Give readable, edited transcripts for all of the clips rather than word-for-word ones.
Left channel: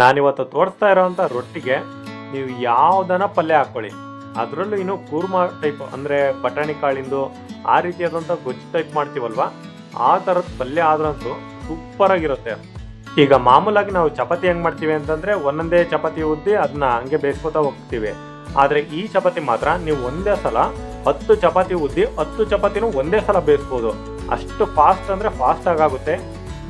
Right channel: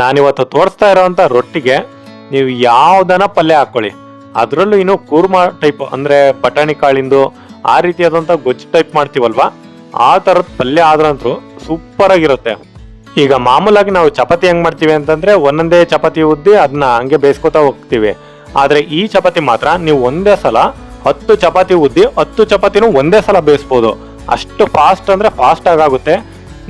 ನಾನಿವತ್ತು ತೋರಿಸ್ತಾ ಇರೋವಂಥ ರೊಟ್ಟಿಗೆ ನೀವು ಯಾವ್ದನ ಪಲ್ಯ ಹಾಕೊಳ್ಳಿ, ಅದರಲ್ಲೂ ಇನ್ನು ಕೂರ್ಮ ಟೈಪ್ ಅಂದ್ರೆ ಬಟಾಣಿ ಕಾಳಿಂದು ಆ ರೀತಿಯಾದಂಥ ಗೊಜ್ಜು ಟೈಪ್ ಮಾಡ್ತೀವಲ್ವಾ, ಆ ಥರದ ಪಲ್ಯ ಆದ್ರಂತೂ ಸೂಪರ್ ಆಗಿರುತ್ತೆ. ಈಗ ಮಾಮೂಲಾಗಿ ನಾವು ಚಪಾತಿ ಹೆಂಗ್ ಮಾಡ್ತೀವಿ ಅಂತಂದ್ರೆ ಒಂದೊಂದೇ ಚಪಾತಿ ಉದ್ದಿ ಅದನ್ನ ಹಂಗೆ ಬೇಯಿಸ್ಕೊತಾ ಹೋಗ್ತೀವಿ. ಆದ್ರೆ ಈ ಚಪಾತಿ ಮಾತ್ರ ನೀವು ಒಂದೇ ಸಲ 10 ಚಪಾತಿ ಉದ್ದಿ 10 ಚಪಾತಿನೂ ಒಂದೇ ಸಲ ಬೇಯಿಸ್ಬೋದು. ಅಷ್ಟು ಫಾಸ್ಟ್ ಅಂದ್ರೆ ಫಾಸ್ಟ್ ಆಗುತ್ತೆ.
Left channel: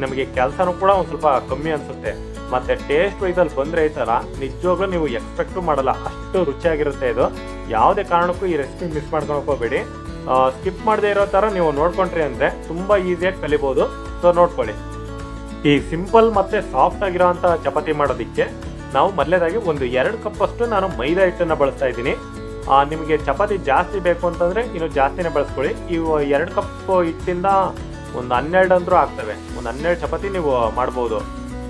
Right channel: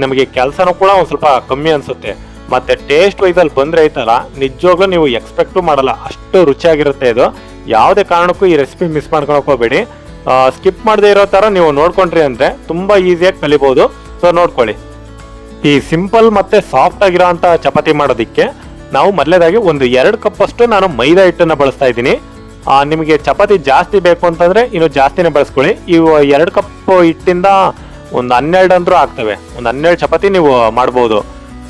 ನಮಗೆ ಕೆಲಸನೂ ಕೂಡ ಒಂದ್ ಸ್ವಲ್ಪ ಕಮ್ಮಿ ಅನ್ಸುತ್ತೆ. ಮತ್ತೆ ಟೇಸ್ಟ್ ವೈಸಲ್ಲಿ ಬಂದ್ರೆ ಐತಲ್ಲ, ನಿಜವಾಗ್ಲೂ ನೀವು ಎಕ್ಸ್ಪೆಕ್ಟು ಮಾಡಲ್ಲ, ಅಷ್ಟು ರುಚಿಯಾಗಿರುತ್ತೆ ಇದು. ಯಾವುದೇ ಕಾರಣಕ್ಕೂ ಈ ರೆಸಿಪಿ ಮಿಸ್ ಮಾಡ್ಕೊಳಕ್ ಹೋಗ್ಬೇಡಿ. ಸ್ಕಿಪ್ ಮಾಡದೆ ಇರೋ ತರ ನೀವು ನೋಡ್ಕೊಂಡ್ರಿ ಅಂದ್ರೆ ತುಂಬಾ ಈಸಿಯಾಗಿ ಕಲಿಬಹುದು. ಸೊ ನೋಡ್ಕೊಳ್ಳಿ. ಈ ಸಿಂಪಲ್ ಮತ್ತೆ ಸಾಫ್ಟ್ ಆಗಿರೋ ಅಂತ ಚಪಾತಿ ಮಾಡೋದಿಕ್ಕೆ ನಾವು ಮೊದಲೇದಾಗಿ ಒಂದು 2 ಕಪ್ ಅಷ್ಟು ನಾನು ಮೈದಾ ಹಿಟ್ಟನ್ನ ಬಳಸ್ತಾ ಇದ್ದೀನಿ. ನಿಮಗೆ ಚಪಾತಿ ಜಾಸ್ತಿ ಬೇಕು ಅಂತಂದ್ರೆ ಇನ್ನು ಜಾಸ್ತಿನೇ ಬಳಸ್ಕೊಳ್ಳಿ. ಇವು 2 ಕಪ್ ಹಿಟ್ಟಿಂದ ಒಂದು 12 ಅಂದ್ರೂ ಆಗ್ತವೆ. ಒಂದು 12 ಚಪಾತಿ ನೀವು ಮಾಡ್ಬೋದು.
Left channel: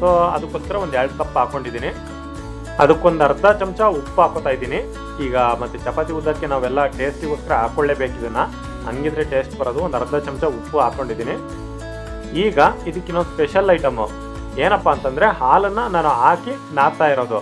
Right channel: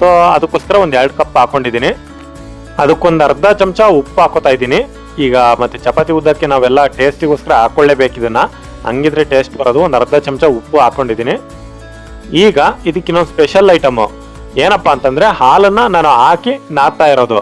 ಸೊ ಅದಕ್ಕೋಸ್ಕರ ಒಂದು 2 ಕಪ್ ಹಾಕೊಂಡಿದ್ದೀನಿ. ಅದಕ್ಕೊಂದು ಅರ್ಧ ಚಮಚ ಉಪ್ಪು ಹಾಕೋತಾ ಇದ್ದೀನಿ. ಈಗ ಮತ್ತೆ ಚಪಾತಿ ಉದ್ದಕ್ಕೆ ನಾವೆಲ್ಲ ಟೇಸ್ಟಿಗೋಸ್ಕರ ಹಾಕೊಳ್ಳೇಬೇಕು ಇದನ್ನ, ಹಂಗಿದ್ರೆ ಟೇಸ್ಟ್ ಬರೋದು. ಒಂದು ಅರ್ಧ ಚಮಚ ಉಪ್ಪು ಹಾಕೊಂಡಿದ್ದೀನಿ. ಈಗ ಇದಕ್ಕೆ ಇನ್ನೊಂದು ಸ್ಪೆಷಲ್ ಐಟಮ್ ಏನಪ್ಪಾ ಅಂತಂದ್ರೆ ಹಾಲನ್ನ ನಾನು ಹಾಕಿ ನಾದ್ತಾ ಇರೋದು.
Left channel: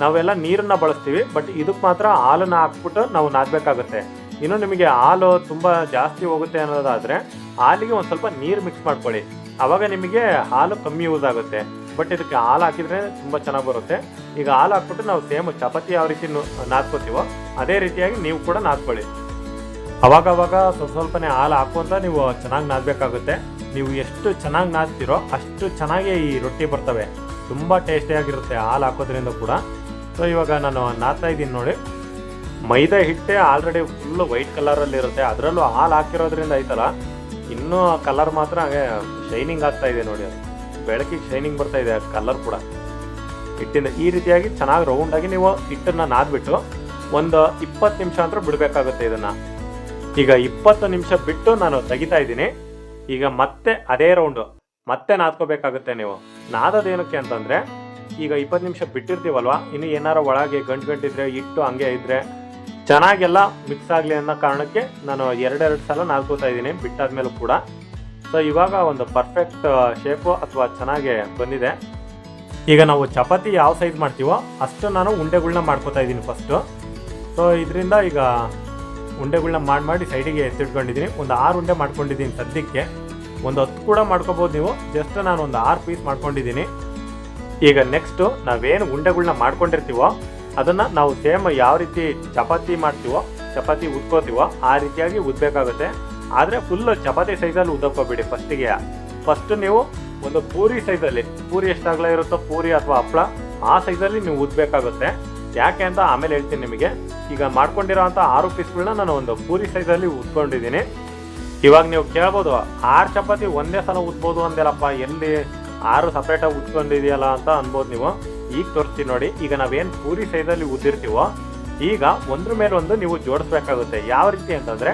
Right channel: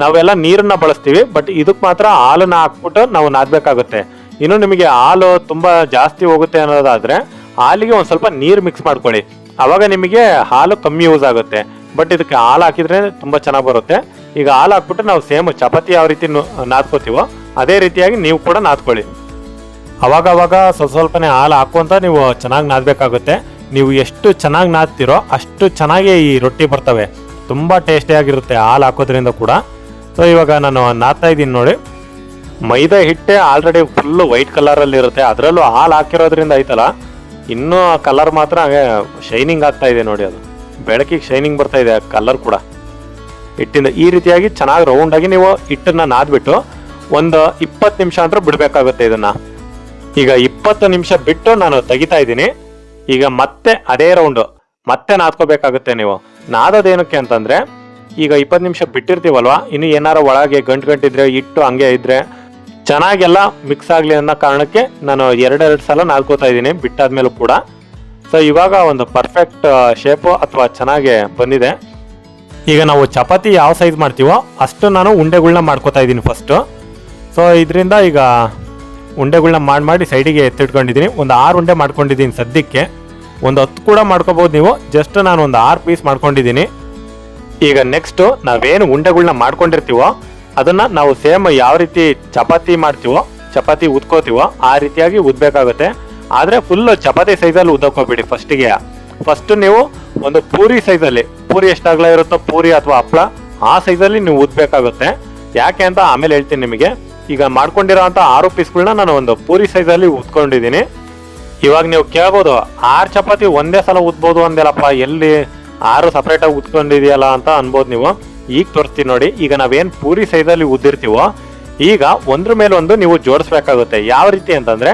ನಾವೆಲ್ಲ ನೀರನ್ನ ಬಳಸ್ತೀವಿ, ಬಟ್ ಇದಕ್ ಮಾತ್ರ ಹಾಲನ್ನ ಹಾಕ್ಬಿಟ್ಟು ನಾವು ನಾದ್ಬೇಕಾಗುತ್ತೆ. ಇನ್ನು ನಿಮಗೆ ಹಾಲು ತುಂಬಾ ಜಾಸ್ತಿ ಹೋಗುತ್ತೆ ಅನ್ನೋದಾದ್ರೆ ಹಾಲಿಗೆ ಒಂದ್ ಸ್ವಲ್ಪ ನೀರು ಮಿಕ್ಸ್ ಮಾಡ್ಕೊಳ್ಳಿ, ಅವಾಗ ನಿಮಗೆ ಹಾಲು ಕಮ್ಮಿ ಯೂಸ್ ಆಗುತ್ತೆ. ಬಟ್ ಇದಕ್ಕೆ ಹಾಲು ಹಾಕಿದ್ರೆ ತುಂಬಾ ಚೆನ್ನಾಗಿ ಬರುತ್ತೆ. ಈಗ ಹಾಲು ಹಾಕ್ಬಿಟ್ಟು ನಾವು ಸೇಮ್ ಚಪಾತಿ ಯಾವ ರೀತಿ ನಾದ್ಕೋತೀವೋ ಅದೇ ರೀತಿಯಾಗಿ ನೀವು ಕೂಡ ನಾದ್ಕೊಳ್ಳಿ. ಅವಾಗ ಸ್ವಲ್ಪನೇ ಹಾಲು ಹಾಕುವಂತ ನೀವು ಚೆನ್ನಾಗಿ ನಾದ್ಬೇಕಾಗುತ್ತೆ. ನೀವು ಎಷ್ಟು ಚೆನ್ನಾಗಿ ನಾದ್ತಿರೋ ಅಷ್ಟು ಚೆನ್ನಾಗಿ ಈ ರೊಟ್ಟಿ ಬರ್ತವೆ. ತುಂಬಾ ಟೇಸ್ಟಿಯಾಗಿರುತ್ತೆ ಹಾಲು ಹಾಕೋದ್ರಿಂದ ಕೂಡ. ಸೊ ಇವಾಗ ನಾನು ನಾದ್ತಾ ಇದ್ದೀನಿ ನೋಡಿ. ಮೈದಾ ಹಿಟ್ಟೆ ಆಲ್ರೆಡಿ ಫುಲ್ ವೈಟ್ ಕಲರ್ ಅಲ್ಲಿ ಇರುತ್ತೆ, ಅದರಲ್ಲೂ ಹಾಲು ಹಾಕಿರೋದ್ರಿಂದ ಐತಲ್ಲ ಇನ್ನೂ ಕಲರ್ ಮಾತ್ರ ಹಾಗೆ ಶೈನಿಂಗ್ ಆಗ್ತಾ ಇದೆ ನೋಡಿ. ಅದು ಬೆಳಕಿಗೆ ಶೈನಿಂಗ್ ಬರ್ತಾ ಇದೆ ಕಲರ್ ಕೂಡ ಹಿಟ್ಟಿಂದ. ಈ ರೀತಿಯಾಗಿ ಚೆನ್ನಾಗಿ ರೌಂಡ್ ಆಗಿ ನೀವು ಹಿಟ್ಟನ್ನ ನಾದ್ಬಿಟ್ಟು ಒಂದು 20 ನಿಮಿಷ ಅಂತ ಬಿಡ್ಬೇಕಾಗುತ್ತೆ ಇದನ್ನ. ಈಗ 20 ನಿಮಿಷ ಬಿಟ್ಟು ನಾನು ತೆಗಿತಾ ಇದ್ದೀನಿ. ಈಗ ಮತ್ತೆ ಅದೇ ರೌಂಡ್ ಮತ್ತೆ ನಾದ್ಕೋಬೇಕಾಗುತ್ತೆ ನೀವು. ನಾದೋದೇನಕ್ಕೆ ಅಂತಂದ್ರೆ ಈಗ 20 ನಿಮಿಷ ಬಿಟ್ಟಿರ್ತೀವಲ್ವಾ, ಇನ್ನು ಏನಾರ ಒಳಗೆ ಗಂಟಿದ್ರೆ ಹಿಟ್ಟು ಹಂಗೆ ಇದ್ರೆ ಚೆನ್ನಾಗೆಲ್ಲ ಮಿಕ್ಸ್ ಆಗ್ಲಿ ಅನ್ನೋ ಕಾರಣಕ್ಕೆ ನಾನು 2 ಸಲ ನಾದ್ಕೋತಾ ಇದ್ದೀನಿ ಬಿಟ್ಟಾದ್ಮೇಲೂ ಕೂಡ. ಸೊ ಇವಾಗ ಒಂದು ಪರ್ಫೆಕ್ಟ್ ಶೇಪು ಅಥವಾ ಚೆನ್ನಾಗಿ ಬಂದಿದೆ. ಈಗ ನಾವು ಚಪಾತಿ ಯಾವ ಸೈಜ್ ಮಾಡ್ತೀವೋ ಅಷ್ಟು ನಾನು ಉಂಡೆಗಳನ್ನ ಮಾಡ್ಕೋತಾ ಇದ್ದೀನಿ ಫಸ್ಟ್. ಸೊ ಇದರಿಂದ ಈಗ ಉಂಡೆಗಳನ್ನ ಮಾಡಿ ಸೈಡಿಗೆ ಎತ್ತಿಟ್ಕೊಂಡಿದ್ದೀನಿ. ಒಂದು 6 ಉಂಡೆ ಮಾಡ್ಕೊಂಡಿದ್ದೀನಿ ಸದ್ಯಕ್ಕೆ. ಒಂದು 10 ಕೂಡ ಮಾಡ್ಕೋಬಹುದು ನೀವು. ಜಸ್ಟ್ ನಾನು ಒಂದು 6 ಪೀಸ್ ಮಾಡ್ಕೊಂಡಿದ್ದೀನಿ. ಈಗ ನೆಕ್ಸ್ಟ್ ನಾವೇನು ಉಂಡೆಗಳನ್ನ ಮಾಡ್ಕೊಂಡಿರ್ತೀವೋ ಅದನ್ನ ನಾವು ಸೇಮ್ ಯಾವ ರೀತಿ ಚಪಾತಿ ಮಾಡ್ತೀವೋ, ಚಪಾತಿ ಉದ್ಕೋತೀವೋ ಆ ರೀತಿಯಾಗಿ ಉದ್ಬೇಕಾಗುತ್ತೆ. ಆದ್ರೆ ಫುಲ್ ಚಪಾತಿ ಸೈಜಲ್ಲಿ ಉದ್ದಕೋಬೇಡಿ. ಫಸ್ಟ್ ನೀವು ಒಂದು ಪೂರಿ ಸೈಜಲ್ಲಿ, ಪೂರಿ ಎಷ್ಟಾಗ್ಲ ಇರುತ್ತೋ ಪೂರಿ ಅಥವಾ ಹಪ್ಪಳ ಆ ಸೈಜಲ್ಲಿ ನೀವು ಉದ್ಬೇಕಾಗುತ್ತೆ. ಯಾಕೆ ಅಂತ ಆಮೇಲೆ ಹೇಳ್ತೀನಿ ನಿಮಗೆ. ಈಗ ಮಾಡ್ಕೊಂಡಿರೋ ಅಂತ 6 ಪೀಸ್ಗಳನ್ನ ನಾನು ಒಂದು ಪೂರಿ ಸೈಜಲ್ಲಿ ಉದ್ಕೊಂಡಿದ್ದೀನಿ. ಇವಾಗ ನೀವು ಕೇಳ್ಬೋದು 6 ಚಪಾತಿ ಒಂದೇ ಸಲ ಉದ್ಬೋದು ಅಂದೇಲಪ್ಪ, ಎಲ್ಲಿ 6 ಸಪರೇಟ್ ಆಗಿ ಉದ್ಕೊಂಡಿದೆಯಲ್ಲ ಅಂತ ಅನ್ಬೋದು ನೀವು. ಈಗ ತೋರಿಸ್ತೀನಿ ನೋಡಿ. ಈಗ ನಾವೇನ್ ಪೂರಿ ಸೈಜಲ್ಲಿ ಉದ್ದಿರ್ತೀವೋ ಈಗ ಒಂದ್ರ ಮೇಲೆ ಒಂದು ನೀವು ಜೋಡಿಸ್ಬೇಕಾಗುತ್ತೆ. ಯಾವ ರೀತಿ ಅಂತಂದ್ರೆ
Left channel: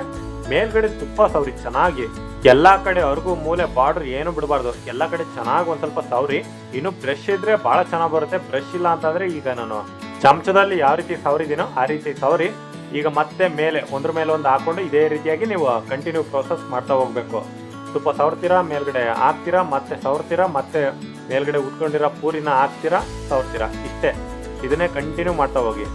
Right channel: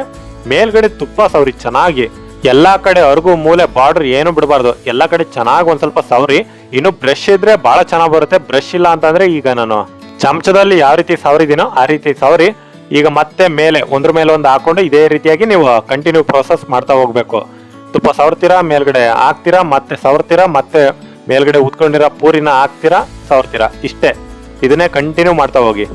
ಮೇಲ್ಗಡೆ ತುಪ್ಪ ಸವರಿ ಚೆನ್ನಾಗಿ ಎಲ್ಲಾ ಕಡೆ ಅರ್ಗು ಮೂಲೆ ಬಾರ್ಡರ್ ಏನು ಬಿಡಬಾರ್ದು, ಎಲ್ಲಾ ಕಡೆ ಚೆನ್ನಾಗಿ ಒಂದ್ ಸ್ವಲ್ಪ ಸವರಿ. ಇನ್ನು ಬ್ರಷ್ ಇದ್ರೆ ಬಹಳ ಚೆನ್ನಾಗಿ ಬರುತ್ತೆ. ಬ್ರಷ್ ಇಲ್ಲ ಅಂತಂದ್ರೆ ಈಗ ನಾನು ಚಮಚದಲ್ಲಿ ಯಾವ ರೀತಿ ಸವರಿದೀನೋ ಆ ರೀತಿ ಸವರಿ ಈಗ ಮತ್ತೆ ಮೇಲೆ ಒಂದ್ರ ಮೇಲೆ ಒಂದು ಹಾಕೊಂಡು ಇದೇ ರೀತಿಯಾಗಿ ನೀವು ಕಂಟಿನ್ಯೂ ಪ್ರೋಸೆಸ್ ಮಾಡ್ತಾ ಹೋಗ್ಬೇಕು. ತುಪ್ಪ ಸವರ್ತೀರಾ, ಮೇಲ್ಗಡೆ ಹಾಕ್ತೀರಾ, ಮತ್ತೆ ಸವರ್ತೀರಾ, ಮತ್ತೆ ಮೇಲ್ಗಡೆ ಉತ್ಕೊಂಡಿರೋ ಪೂರಿನ ಹಾಕ್ತೀರಾ, ಸವರ್ತೀರಾ. ಇಷ್ಟೇ, ಇದನ್ನೇ ಕಂಟಿನ್ಯೂ ಮಾಡ್ತಾ ಹೋಗಿ.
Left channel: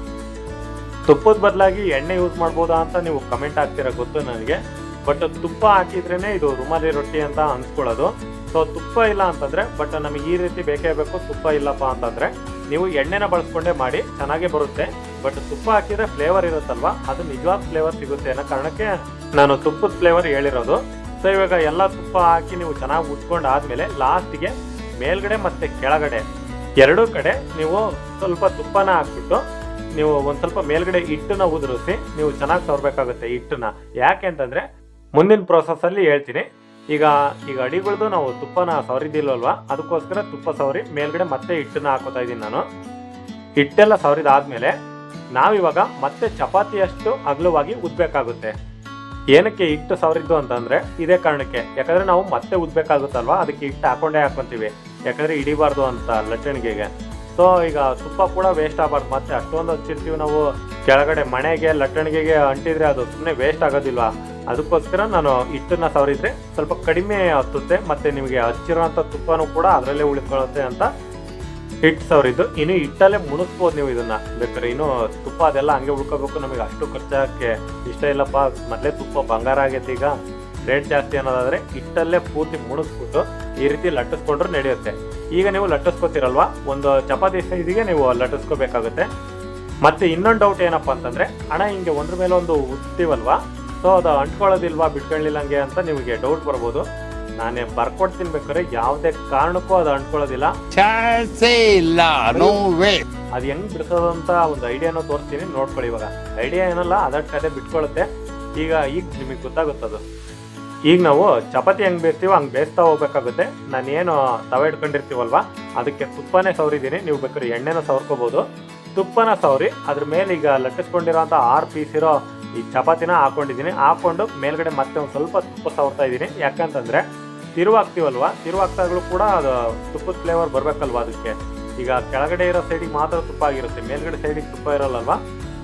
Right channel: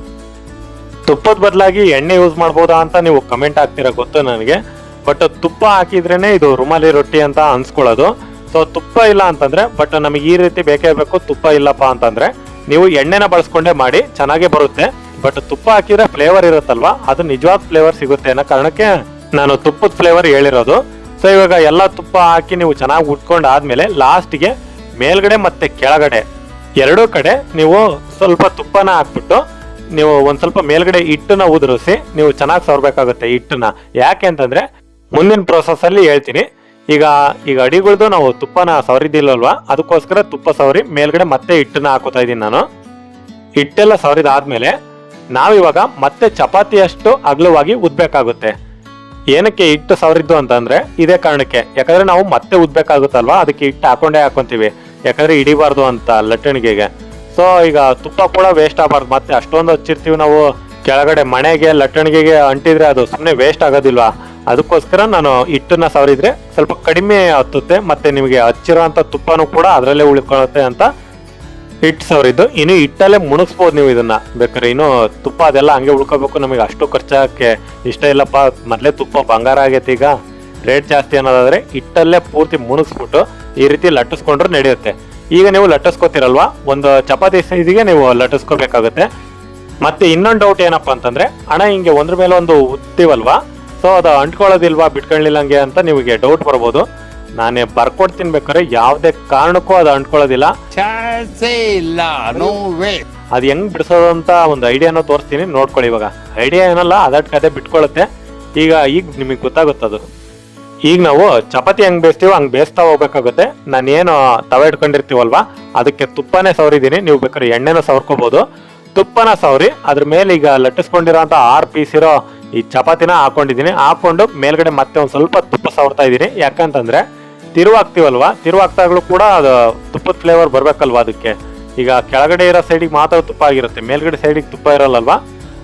ತುಪ್ಪದ ಬದಲಾಗಿ ಎಣ್ಣೆ ಯೂಸ್ ಮಾಡ್ಬೋದಾ ಅಂತ ನೀವು ಕಮೆಂಟ್ ಹಾಕ್ತೀರಾ ಗೊತ್ತು ನನಗೆ. ಬಟ್ ತುಪ್ಪ ಹಾಕಿದ್ರೇನೆ ಇದು ರುಮಾಲಿ ರೊಟ್ಟಿ ಅಂತ ಅನ್ಸ್ಕೊಳ್ಳೋದು. ಸೊ ತುಪ್ಪ ಇಲ್ಲ ಅಂತಂದ್ರೆ, ಬಟ್ ನಮಗೆ ಈ ರೀತಿ ಬೇಕೇ ಬೇಕು, ತುಪ್ಪ ಇಲ್ಲಪ್ಪ ಅಂತಂದ್ರೆ ನೀವು ಎಣ್ಣೆನ ಬಳಸ್ಕೊಂಡೇ ಮಾಡಿ ಚೆನ್ನಾಗೇ ಬರುತ್ತೆ. ಬಟ್ ತುಪ್ಪ ಹಾಕಿದ್ರೆ ಫ್ಲೇವರ್ ಇರುತ್ತಲ್ವಾ, ಅದು ನಿಜವಾದ ಫ್ಲೇವರ್ ಸಿಗುತ್ತೆ ಅನ್ನೋ ಕಾರಣಕ್ಕೆ ನಾನು ತುಪ್ಪದ ಫ್ಲೇವರ್ ಹೇಳಿರೋದು. ಸೊ ಇವಾಗ ಎಲ್ಲ ತುಪ್ಪ ಹಾಕಿ ನೀವು ಚೆನ್ನಾಗಿ ಉಟ್ಕೊಂಡು ಆದ್ಮೇಲೆ ಲಾಸ್ಟ್ಗೆ ಮೇಲ್ಗಡೆ ಮತ್ತೆ ಕೆಳಗಡೆ 2 ಕಡೆ ನೀವು ಸ್ವಲ್ಪ ತುಪ್ಪನ ಹಾಕ್ಬಿಟ್ಟು ನೀವು ಒಂದ್ ಸ್ವಲ್ಪ ಮೇಲ್ಗಡೆ ಹಿಟ್ಟನ್ನ ಉದುರಿಸಿ ನೀವು ಚೆನ್ನಾಗಿ ಸವರ್ಬೇಕಾಗುತ್ತೆ ಹಿಟ್ಟನ್ನ. ಯಾಕೆ ಅಂತಂದ್ರೆ ಮುಂದಿನ ಪ್ರೋಸೆಸ್ ಅಲ್ಲಿ ಹೇಳ್ತೀನಿ. ಈಗ ಅಡಿಗಳ್ದು ನಾವು ತುಪ್ಪನ ಸವರಿದಿಲ್ಲಲ್ವಾ, ಅದಕ್ಕೋಸ್ಕರ ತುಪ್ಪ ಸವರಿ ಮೇಲ್ಗಡೆ ಮತ್ತೆ ಹಿಟ್ಟನ್ನ ಹಾಕೋತಾ ಇದೀನಿ ನಾನು. ಹಿಟ್ಟೆಲ್ಲ ಸವರಿದಾದ್ಮೇಲೆ ನಾವಿವಾಗ ಮತ್ತೆ ಚಪಾತಿಯಷ್ಟು ಅಗಲವಾಗಿ ಉದ್ಬೇಕಾಗುತ್ತೆ. ಏನಕ್ಕೆ ಹಿಟ್ಟು ಸವರಿದ್ದು ಅಂತಂದ್ರೆ ಇದೇ ಕಾರಣಕ್ಕೆ. ಯಾಕಂದ್ರೆ ನಾವು ಮತ್ತೆ ಉದ್ಬೇಕಾಗುತ್ತಲ್ವಾ, ಅದಕ್ಕೆ ಹಿಟ್ಟು ಹಾಕೊಂತೀವಿ. ಯಾಕಂದ್ರೆ ಹಿಡಿಬಾರ್ದು ಅಂತ ಲಟ್ಟಣಿಗೆಗೆ. ಸೊ ಈಗ ತುಪ್ಪ ಕೂಡ ವೇಸ್ಟ್ ಆಗಬಾರ್ದು. ಮತ್ತೆ ಅಷ್ಟೊಂದು ಹಚ್ಚಿರ್ತೀವಿ ನಾವು ಕೆಳಗಡೆ ಮಣೆಗೆ ಲಟ್ಟಣಿಗೆಗೆ ಅಂಟಿದ್ರೆ ಅದು ಸುಮ್ಮನೆ ವೇಸ್ಟ್ ಆಗೋದಿಲ್ವಾ. ಅದಕ್ಕೋಸ್ಕರ ನಾನು ಹಿಟ್ಟನ್ನ ಸವರಿದ್ರೆ ಸ್ವಲ್ಪ ಕಡಿಮೆ ಹತ್ತುತ್ತೆ, ಮತ್ತೆ ನಿಮಗೆ ಹಚ್ಚಿರೋ ಅಂತ ತುಪ್ಪನೂ ಕೂಡ ಅದರಲ್ಲೇ ಉಳ್ಕೊಳ್ಳುತ್ತೆ ಅಂತ ಹಿಟ್ಟು ಸವರಿದ್ದು ಇನ್ನು ಹಿಟ್ಟಲ್ಲೇ ಮುಣಗಿಸ್ಬೋದು ನೀವು ಇದನ್ನ. ಬೇಕಾದ್ರೆ ಇನ್ನು ತುಪ್ಪ ಅದೆಲ್ಲ ಹಂಗೆ ಉಳ್ಕೋಬೇಕು, ನಮಗೆ ಅಷ್ಟು ಖರ್ಚಾಗಕ್ಕೆ ಇಷ್ಟ ಇಲ್ಲಪ್ಪ, ಮೊದಲೇ ತುಪ್ಪ ಬಂಗಾರ ಆಗೈತೆ ಈಗ ರೇಟ್ ಜಾಸ್ತಿ ಅನ್ನೋದಾದ್ರೆ ಹಿಟ್ಟಲ್ಲೇ ಪೂರ್ತಿ ಮುಣಗಿಸ್ಬಿಟ್ಟು ಈ ರೀತಿ ಲಟ್ಟಿಸ್ಕೊಂಡ್ರೆ ನಡೆಯುತ್ತೆ. ಈಗ ನೀವು ಲಟ್ಟಿಸ್ಕೋತಿರಲ್ವಾ, ಒಂದು ಚಪಾತಿ ಸೈಜಿಗೆ ನೀವು ಲಟ್ಟಿಸ್ಕೋಬೇಕಾಗುತ್ತೆ. ಮತ್ತೆ ಇನ್ನೊಂದು ಡೌಟ್ ಏನಪ್ಪಾ ಅಂತಂದ್ರೆ, ಹಣ ಹಿಂಗೆ ಒಂದ್ರ ಮೇಲೆ ಒಂದು ಉತ್ತೀವಲ್ವಾ, ಸೊ ಅದು ಅಂಟ್ಕೊಳ್ಳೋದಿಲ್ವಾ ಬಿಟ್ಕೊಳ್ಳಿಲ್ಲಂಗೆ ಅಂತ ನಿಮಗೆ ಡೌಟ್ ಬರ್ಬೋದು. ನಾನೇ ಬರ್ಕೊಡ್ತೀನಿ, ಬೇಕಾದ್ರೆ ಯಾವುದೇ ಕಾರಣಕ್ಕೂ ಅದು ಅಂಟ್ಕೊಳ್ಳೋದಿಲ್ಲ, ಅದು ಹೆಂಗ್ ಬಿಡಿಸೋದು ಅಂತ ಒಂದು ಐಡಿಯಾನ ತೋರಿಸ್ತೀನಿ, ನೋಡ್ಕೊಳ್ಳಿ. ಇವಾಗ ಐಡಿಯಾ ಏನಲ್ಲ, ಅದಕ್ಕೆ ಅದೇ ಬಿಟ್ಕೊಳ್ಳುತ್ತೆ. ಈಗ ನಿಮಗೆ ಗೊತ್ತಾಗುತ್ತದು. ಈಗ ನಾವು ಚಪಾತಿ ಹೆಂಗ್ ಬೇಯಿಸ್ತೀವೋ ಹಂಗ್ ಬೇಯಿಸ್ತಾ ಹೋಗ್ಬೇಕಾಗುತ್ತೆ. ನಾನೇನು ತವೆ ಇಟ್ಕೊಂಡಿರ್ತೀವಲ್ವಾ, ಅದಕ್ಕೆ ತುಪ್ಪನೇ ಸವರಿದ್ದೀನಿ, ನೀವು ಬೇಕಾದ್ರೆ ಎಣ್ಣೆನ ಸವರ್ಕೋಬಹುದು. ತುಪ್ಪನ ಸವರಿ ಅದ್ರ ಮೇಲೆ ಈಗ ಲಟ್ಟಿಸ್ಕೊಂಡಿರೋ ಅಂತ 6 ಪೀಸ್ ಇರೋ ಈ ಚಪಾತಿನ ಹಾಕೊಂಡಿದ್ದೀನಿ. ಹಾಕೊಂಡು ಮೇಲ್ಗಡೆ ಮತ್ತೆ ಒಂದ್ ಸ್ವಲ್ಪ ತುಪ್ಪ ಸವರ್ತಾ ಇದ್ದೀನಿ. ಯಾಕಂತಂದ್ರೆ ತಿರುವಾಗ್ತೀವಲ್ವಾ, ತಿರುವಾಗ್ತಾಗ್ಲೂ ಕೂಡ ಅದು ತುಪ್ಪದ ಫ್ಲೇವರ್ ಬರ್ಬೇಕಲ್ವಾ ಅದಕ್ಕೆ. ಈಗ ಕೆಳಗಡೆ ಇರೋ ಸೈಡಿಗೆ ಮಾತ್ರ ತುಪ್ಪ ಆಗಿರುತ್ತೆ, ಮೇಲ್ಗಡೆ ಸೈಡಿಗೆ ತುಪ್ಪ ಇರಲ್ಲಲ್ವಾ,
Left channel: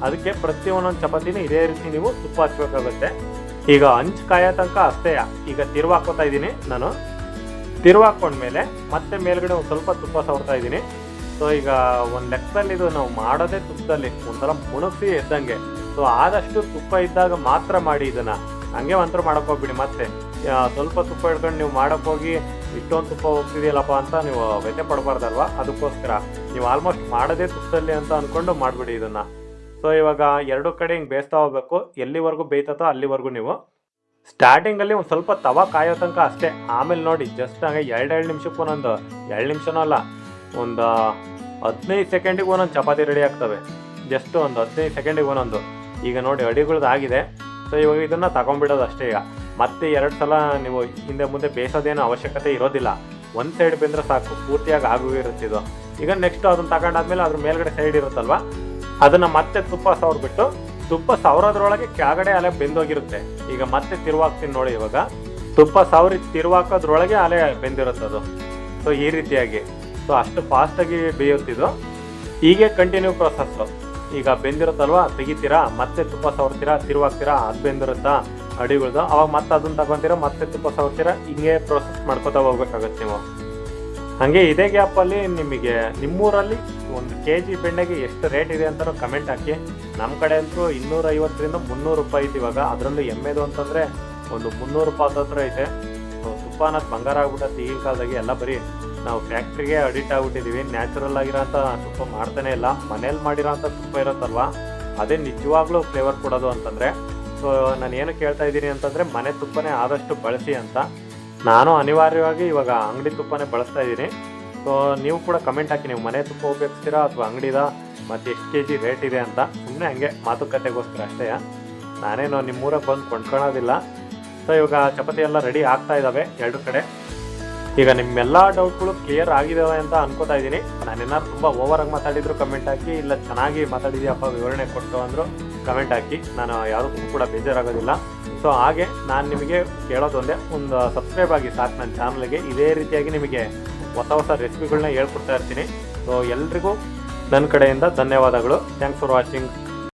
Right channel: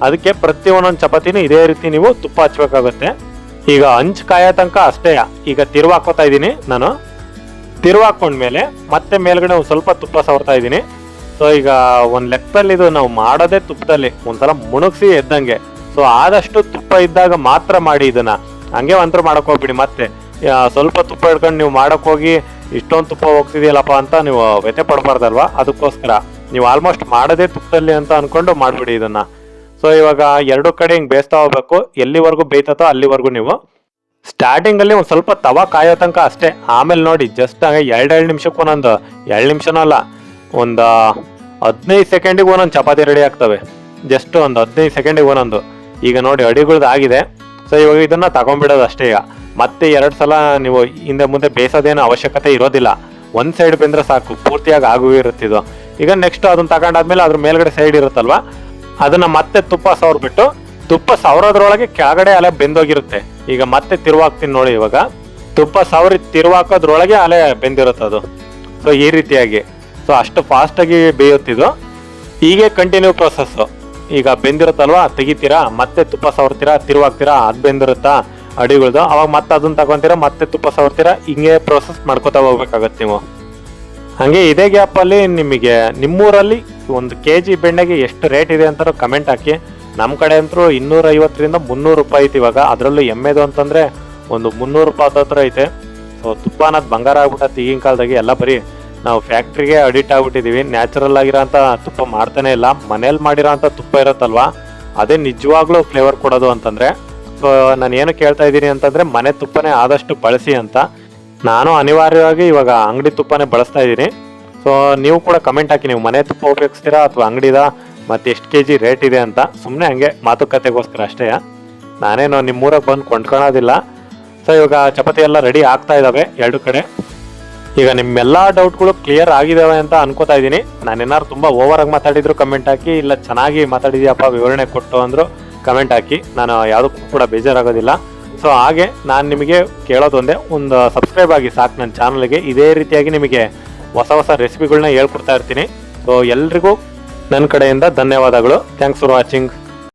ಅದಕ್ಕೆ ಪ್ರತಿ ಒಂದೊಂದು ಚಪಾತಿನೂ ಇದೇ ರೀತಿ ನೀವು ತುಪ್ಪ ಹಚ್ಬೇಕಾಗುತ್ತೆ. ಈಗ ಹಂಚ್ ಕಾಯೋ ತನಕ ಅಷ್ಟೇ. ಈಗ ತಿರುವಾಕೋತಾ ಇದ್ದೀನಿ ನಾನು. ತಿರುವಾಕೊಂಡ್ಮೇಲೆ ಮತ್ತೆ ಮೇಲ್ಗಡೆ ಒಂದ್ ಸ್ವಲ್ಪ ತುಪ್ಪ ಸವರ್ತಾ ಇದ್ದೀನಿ. ಸೊ ಈಗ ಒಂದ್ ಲೆಕ್ಕದಲ್ಲಿ ಇದು ನಾವು ಮಾಡೋದೇ ತುಪ್ಪದಲ್ಲಿ ಒಂದ್ಸಲ ಮುಣಗ್ಸಿ ಎದ್ದಂಗೆ. ಸೊ ಆದಷ್ಟು ತುಪ್ಪ ಇದ್ದಾಗ ಮಾತ್ರ ಮಾಡಿ ಇದನ್ನ, ಹಂಗೆ ಒಂಥರ ಮಾಡಕ್ ಹೋಗ್ಬಿಡಿ. ಮತ್ತೆ ಸ್ವಲ್ಪ ತುಪ್ಪ ಹಿಡ್ಕೊಂಡು ನೀವು ಮಾಡಕ್ ಹೋಗಿ ಇಷ್ಟೊಂದು ತುಪ್ಪ ಹೋಗ್ತಿದೆಯಲ್ಲಪ್ಪ ಅಂತ ನೀವು ವ್ಯಥೆ ಪಡಬಾರ್ದಲ್ವಾ, ಅದಕ್ಕೋಸ್ಕರ ನೀವು ಆಲ್ಮೋಸ್ಟ್ ಮಾಡೋದೇ ತುಪ್ಪದಲ್ಲಿ ಅಂತ ಅನ್ಕೊಂಡು ಮಾಡ್ಬಿಡಿ ಇದನ್ನ. ಸೊ ಇವಾಗ ಎರಡು ಕಡೆ ಹಿಂಗ್ ಬೇಯಿಸ್ತಾ ಹೋಗ್ಬೇಕು, ಎಲ್ಲಿವರೆಗೂ ಬೇಯ್ತತೋ ಅಲ್ಲಿವರೆಗೂ ನೀವು. ಸ್ಟಾರ್ಟಿಂಗ್ ಅಲ್ಲಿ ಒಂದ್ ಸ್ವಲ್ಪ ತವಾ ಕಾಯೋ ತನಕ ಅಷ್ಟೇ. ಆಮೇಲೆ ನೋಡಿ ಜಸ್ಟ್ ಹಂಗೆ 2 ನಿಮಿಷಕ್ಕೆ ಒಂದೊಂದು, 2 ನಿಮಿಷನೂ ಅಲ್ಲ, ಒಂದು 15 ಸೆಕೆಂಡಿಗೆ ಒಂದೊಂದು ಚಪಾತಿ ರೆಡಿ ಆಗ್ತವೆ. ಜಸ್ಟ್ ಒಂದು 15 ಸೆಕೆಂಡಿಗೆ ಒಂದೊಂದು. ಈಗ ನೋಡಿ ಅಡಿಗಳ್ದು ಆಗಿದೆ. ಸೊ ಇವಾಗ ಇದನ್ನ ತಗೊಂಡ್ಬಿಡೋದು ಅಷ್ಟೇ. ಈಗ ಮತ್ತೆ 2 ಸಲ ನೀವು ಹಿಂದೆ ಮುಂದೆ ಬೇಯಿಸೋದೇನು ಅವಶ್ಯಕತೆ ಇರೋದಿಲ್ಲ, ಒಂದ್ ಸೈಡ್ ಬೆಂದ್ರೆ ಸಾಕು, ಪೂರ್ತಿಯಾಗಿ ಆಗು ಇರುತ್ತಿದ್ದು. ಈಗ ನೆಕ್ಸ್ಟ್ ಅದನ್ನ ತಗೊಂಡಾದ್ಮೇಲೆ ಅದ್ರ ಮೇಲ್ಗಡೆ ಸೈಡ್ ಇರುತ್ತಲ್ವಾ, ಅದನ್ನ ಮತ್ತೆ ತುಪ್ಪ ಸವರ್ಬಿಟ್ಟು, ತುಪ್ಪ ಸವರೋದ್ರೊಳಗೆ ಕೆಳಗಡೆ ಅಲೆ ಬೆಂದೋಗಿರುತ್ತೆ. ಈಗ ಮತ್ತೆ ತಿರುವಾಕ್ತೀನಿ ನೋಡಿ. ಇವಾಗ ತುಪ್ಪ ಸವರಿ ತಿರುವಾಕೋದ್ರೊಳಗೆ ಅಲೆ ಬೆಂದಿರುತ್ತದು. ಸೊ ಈ ರೀತಿಯಾಗಿ, ಸೊ ಅಷ್ಟು ಫಾಸ್ಟ್ ಆಗಿ ಬೇಯುತ್ತಿದ್ದು. ಹೀಗೆ ಕಂಟಿನ್ಯೂ ಪ್ರೊಸೆಸ್. ಈಗ ಬೆಂದಿರುತ್ತಲ್ವಾ, ತೆಗಿತೀರಾ, ಮತ್ತೆ ತುಪ್ಪ ಸವರ್ತೀರಾ, ತಿರುವಾಗ್ತೀರಾ, ಅದ್ ಬೆಂದಿರುತ್ತಾ ಅಡಿಗಳ್ದು, ಅವಾಗ ಮತ್ತೆ ಅದನ್ನ ತಗೊಂತೀರಾ, ಮತ್ತೆ ತುಪ್ಪ ಸವರ್ತೀರಾ, ಹಿಂಗೆ ಪ್ರೊಸೆಸ್ ಮಾಡ್ಕೋತಾ ಹೋಗ್ಬೇಕಾಗತ್ತೆ ನೀವು. ಹಂಗೆ ಇದೇ ಗ್ಯಾಪ್ ಅಲ್ಲಿ ನಿಮಗೆ ನಿಮ್ಮೂರಲ್ಲಿ 1 kg ಬೆಣ್ಣೆಗೆ ಎಷ್ಟು ರೇಟ್ ಇದೆ ಅಂತ ಕಮೆಂಟ್ ಹಾಕಿ. ನಮ್ಮ ಕಡೆ ಅಂತೂ 250ರಿಂದ 300 ರೂಪಾಯಿ ಐತಿ ಇವಾಗ. ಅದರಲ್ಲೂ ಎಮ್ಮೆದು ಅಂತಂದ್ರೆ ಒಂದು 300 ರೂಪಾಯಿ ಹತ್ರ ಐತೆ. ಸೊ ತುಪ್ಪ ಅನ್ನೋದು ಬಂಗಾರ ಆಗ್ಬಿಟ್ಟತ್ತೆ ಈಗಿನ ಕಾಲದಾಗೆ. ಎಲ್ಲ ಬರೀ ನಾವು ಫ್ಯಾಕ್ಟ್ರಿಗೆ ಅಡಿಕ್ಟ್ ಆಗ್ಬಿಟ್ಟಿದೀವಿ. ನ್ಯಾಚುರಲ್ ಆಗಿರೋಂಥ ತುಪ್ಪ ಮಾಡ್ತಾನೆ ಇಲ್ಲ. ಮನೇಲಿ ಮಾಡಿರೋ ಅಂತ ತುಪ್ಪ ಇರುತ್ತಲ್ವಾ, ಅದೇ ನಿಜವಾಗ್ಲೂ ಫ್ಲೇವರ್ ಕೊಡೋದು ಅಂತಂದ್ರೆ. ಸೊ ನಾನು ಏನು ಕೇಳ್ತಾ ಇದ್ದೀನಿ ಅಂತಂದ್ರೆ, ಮನೆ ತುಪ್ಪನೇ ಆದಷ್ಟು ಬಳಸಿ ಅಂತ. ನಾನು ಅನಿವಾರ್ಯವಾಗಿ ಇವಾಗ ಅಂಗಡಿ ತುಪ್ಪನೇ ಬಳಸ್ತಾ ಇದ್ದೀನಿ. ಸೊ ನೀವು ಕೂಡ ಕಮೆಂಟ್ ಹಾಕಿ, ನೀವು ಮನೆ ತುಪ್ಪ ಉಪಯೋಗಿಸ್ತೀರಾ ಅಥವಾ ಅಂಗಡಿದ, ಮತ್ತೆ ಎಷ್ಟು kg ರೇಟ್ ಇದೆ ಅಂತ. ಸುಮ್ಮನೆ ಹಂಗೆ ಮಾತುಕತೆಗೋಸ್ಕರ ಅಷ್ಟೇ. ನಾನೇನು ನಿಮ್ಮೂರಾಗ ಬಂದು ಕೊಂಡ್ಕೊಳೋದಿಲ್ಲ. ಸೊ ಇವಾಗ ಚಪಾತಿ ಎಲ್ಲ ರೆಡಿ ಆಗ್ತಾ ಇದ್ದಾವೆ 2 ಕಡೆ. ಈಗ ನಿಮ್ಮೆಲ್ಲ ಡೌಟ್ಗಳು ಕ್ಲಿಯರ್ ಆಗಿದಾವೆ ಅಂತ ಅನ್ಕೋತಾ ಇದ್ದೀನಿ. ನಾನೇನಾದ್ರು ತುಂಬಾ ಓವರ್ ಆಗಿ ಮಾತಾಡಿದ್ರು ಕಮೆಂಟ್ ಹಾಕಿ, ಇಲ್ಲ ಚೆನ್ನಾಗಿ ಮಾತಾಡಿದ್ಯಪ್ಪ ವಿವರಣೆ ಕೊಟ್ಟು ಅಂದ್ರು ಕಮೆಂಟ್ ಹಾಕಿ. ನಾನು ಯಾವುದಕ್ಕೂ ಕೂಡ ಬೇಜಾರಾಗೋದಿಲ್ಲ. ಸೊ ಹಾಗೆ ನಾನು ನಿಮಗೆ ಕೇಳೋದೊಂದೇ, ಒಂದು ಸಬ್ಸ್ಕ್ರೈಬ್ ಆಗಿ ಸಾಕು ನನ್ನ ಚಾನಲ್ಗೆ. ಇದೇ ರೀತಿಯಾಗಿ ನಿಮಗೆ ಹೊಸ ರೆಸಿಪಿಗಳನ್ನ ಹೇಳ್ಕೊಡ್ತಾ ಇರ್ತೀನಿ. ಸೊ ಎಲ್ರಿಗೂ ನನ್ನ ಕಡೆಯಿಂದ ಧನ್ಯವಾದಗಳು. Thanks for watching.